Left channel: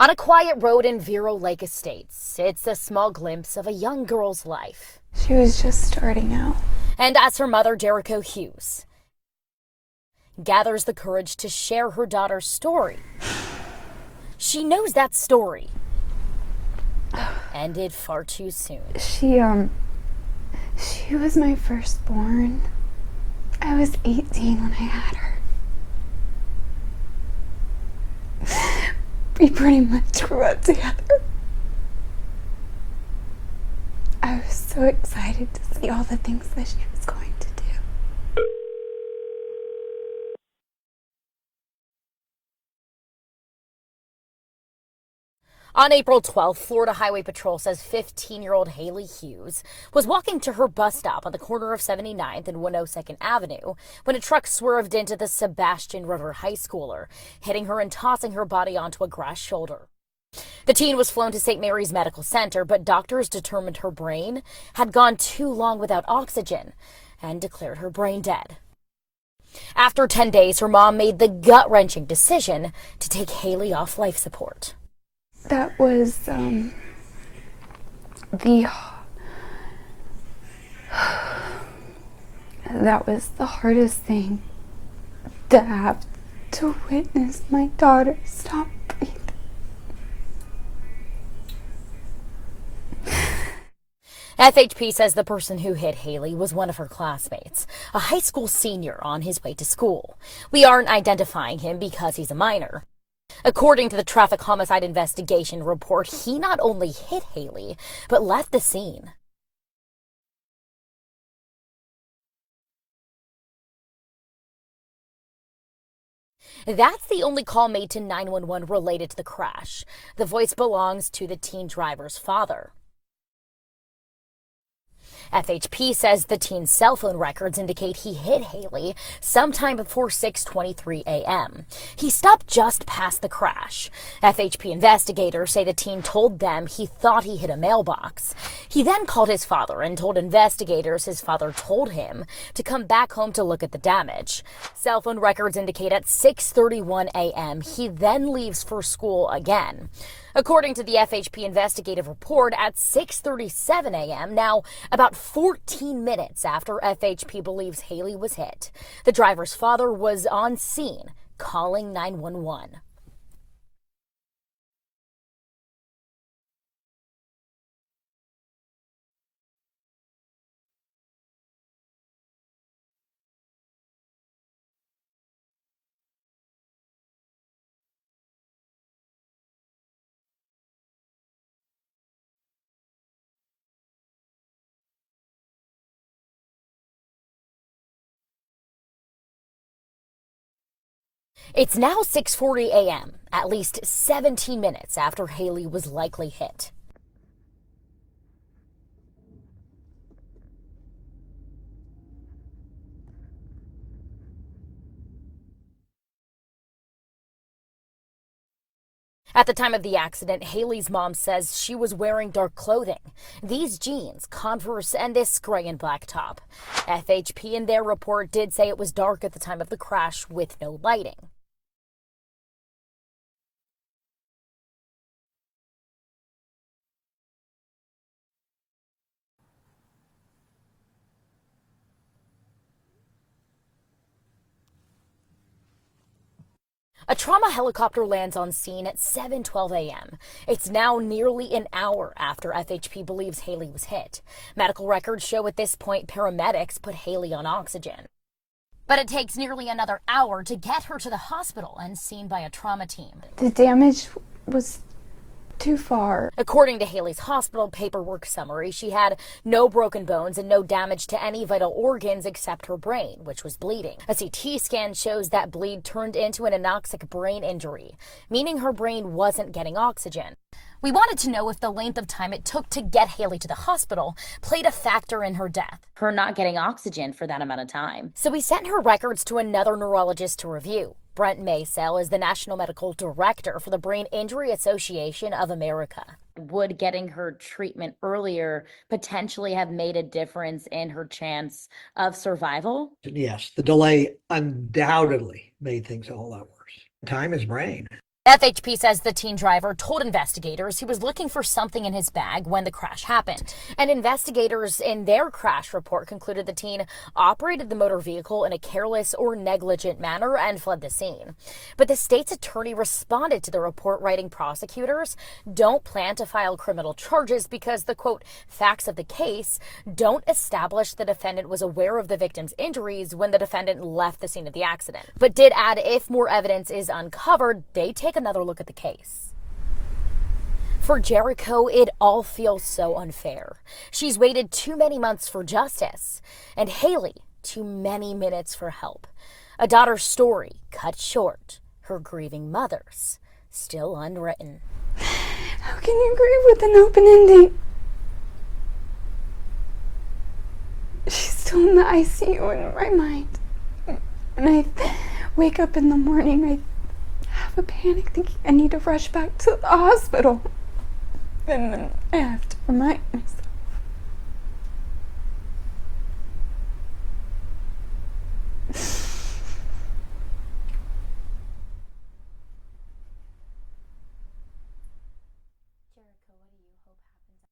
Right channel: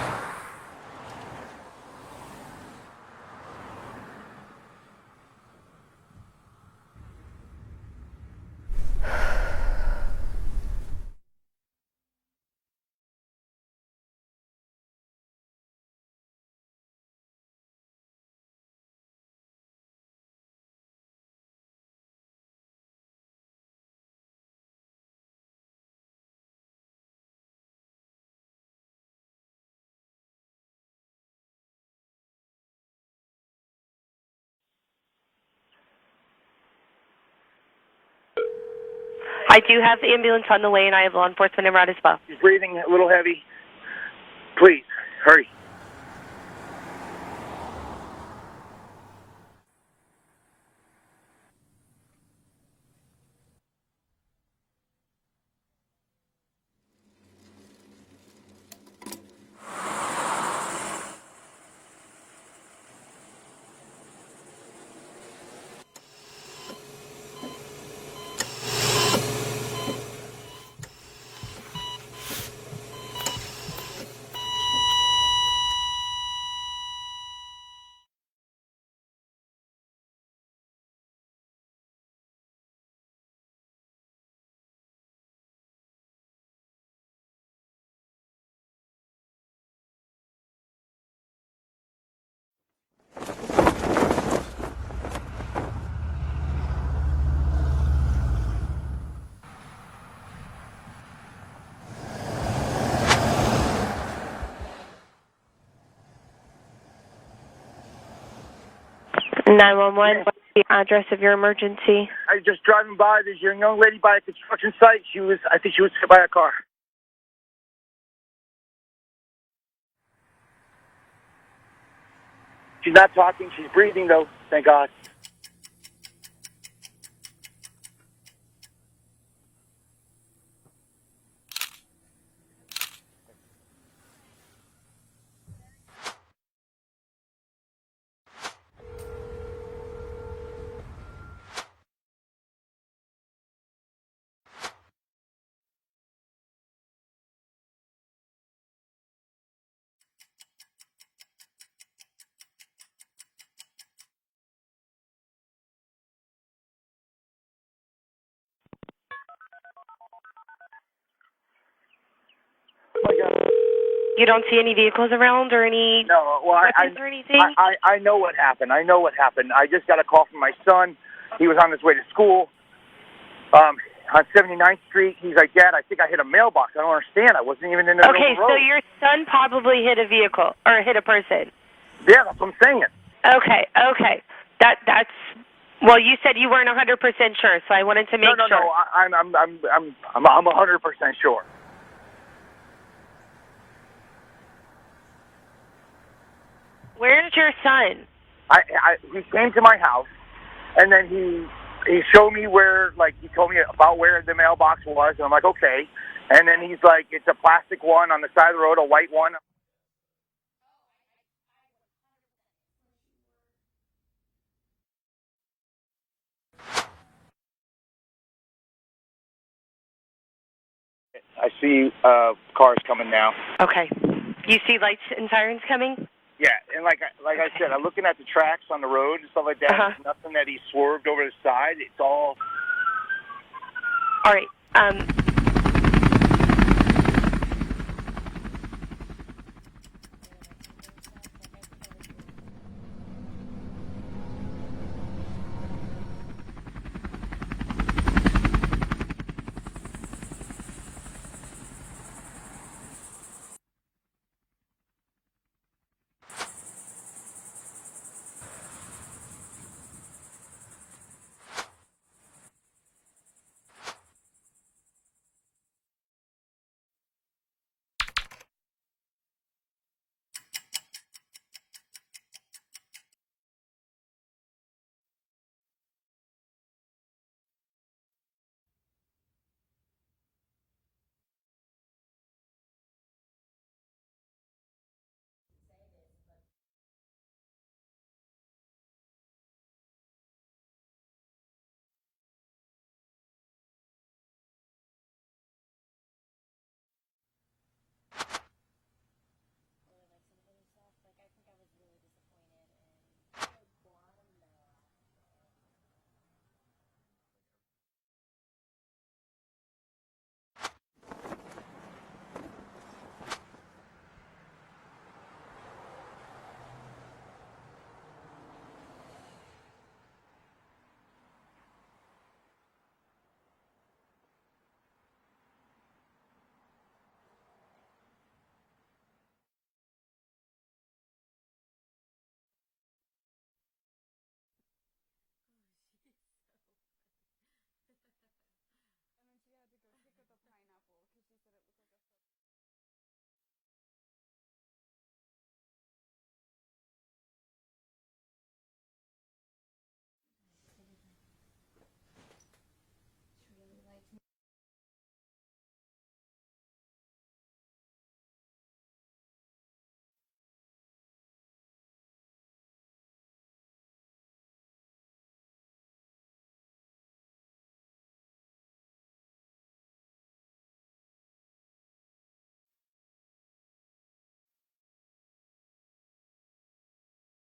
On a quiet road in Vero Lake Estates, it's a small glimpse of a young girl's life. She was just starting out. And as her mother, Haylee Hughes, gathers the courage to share her daughter's story, she knows that story ended far too soon. She was my firstborn. I was 18 when I had her. We pretty much grew up together. I was so excited to see all the things that she was going to do. I do have the ambulance on the way, and I have law enforcement en route as well. She's breathing a little heavy. Please, hurry. On April 12th, Florida Highway Patrol says 15-year-old Haylee Hughes was walking to her bus stop on the corner of 79th and 102nd Avenue when a truck swerved into the Sebastian River high schooler, hitting her and tossing her body onto a grass shoulder. The teen was flown to St. Mary's Medical Center, but doctors determined her brain had gone too long without oxygen and declared her brain dead. After 10 days, her mom made the gut-wrenching decision to take Haylee off life support. That was the hardest thing, to have to witness my daughter stop breathing. FHP says the person who hit Haylee was one of her classmates, a high school senior on his way to school. We aren't identifying him because he's a minor. According to the traffic homicide investigation report, he not only hit Haylee, but left the scene. 911, what's the address of your emergency? I was just driving by. There's a young lady by a construction site. I think she was hit by a car. That's the only call made to 911 related to the crash. The voice belongs to the teen driver's father. She's not talking. She's breathing, though. Thank God. FHP says the teen's cell phone records indicate he hit Haylee sometime before 6:23 a.m. He stopped just past the crash. FHP investigators say the teen told them he thought he hit a mailbox. He then called his father and told investigators his father told him to come back home to look at the damage. Cell phone records indicate at 6:31 a.m. he then leaves for school again. According to the FHP investigative report, at 6:37 a.m., now about 14 minutes after FHP believes Haylee was hit, the driver's father was on scene calling 911. You don't see any vehicles around or any weapons or anything? I know what happened. I just got a call from my son. He was on his way to school on 79th Street. He's like, Dad, I think I hit a mailbox. I don't understand. I wasn't even in the middle of the road. Okay, so your son probably hit a vehicle or hit a person. Yeah, that's what I'm saying. Okay. That's well, you said you weren't 100% sure, so I wanted to make sure. No, I'm 100% sure. It's now 6:40 a.m., at least 17 minutes after Haylee was likely hit. Where's your son? He came to my house, and then he showed me where, he told me about where the mailbox was, and I'm like, okay. And then he's like, it's a plastic one on the side of the road, a white one. At the time of the accident, Haylee's mom says she was wearing dark clothing. These jeans, Converse, and this gray and black top. FHP in their report did say it was dark at the time of the crash with no lighting. I see cars coming now. Okay. You see lights and sirens coming? Yeah, and like I said, I'm looking at the tracks on the road and stuff like that. There's nothing that he swerved over the side. It's all... All right. A trauma helicopter lands on scene at 7:12 a.m. It's now nearly an hour after FHP believes Haylee was hit. Medical records show at this point paramedics put Haylee on oxygen. But it takes nearly another hour to get her to the hospital and seen by a trauma team. The damage was too far. According to Haylee's hospital paperwork summary, she had no broken bones and no damage to any vital organs except her brain, which was bleeding. A CT scan shows that bleed turned into an anoxic brain injury, meaning her brain wasn't getting oxygen. We wanted to know if the length of time it took to get Haylee to the hospital played a factor in her death. Her not getting oxygen for that amount of time. So we sent her records to another neurologist to review. Brent Maysell is the National Medical Director for the Brain Injury Association of America. Would getting her treatment earlier potentially have made a difference in her chance of survival? Yes, the delay undoubtedly made things a whole lot worse. Time is brain. FHP says the teen driver told investigators he was looking for something in his bag when the crash happened. And investigators in their crash report concluded the teen operated the motor vehicle in a careless or negligent manner and fled the scene. But the state's attorney responded to the report, writing prosecutors don't plan to file criminal charges because the, quote, facts of the case don't establish the defendant was aware of the victim's injuries when the defendant left the scene of the accident. But did add if more evidence is uncovered, they take another look at the case. For Jericho, it all feels so unfair. She's waited too many months for justice, and Haylee too many minutes for help. A daughter's story cut short, her grieving mother's still unwritten. How can you grieve with an open ending? She's still in the ICU in my mind. When I wake up in the morning, I have a panic thinking I need to rush back to the hospital. And then I have to remind myself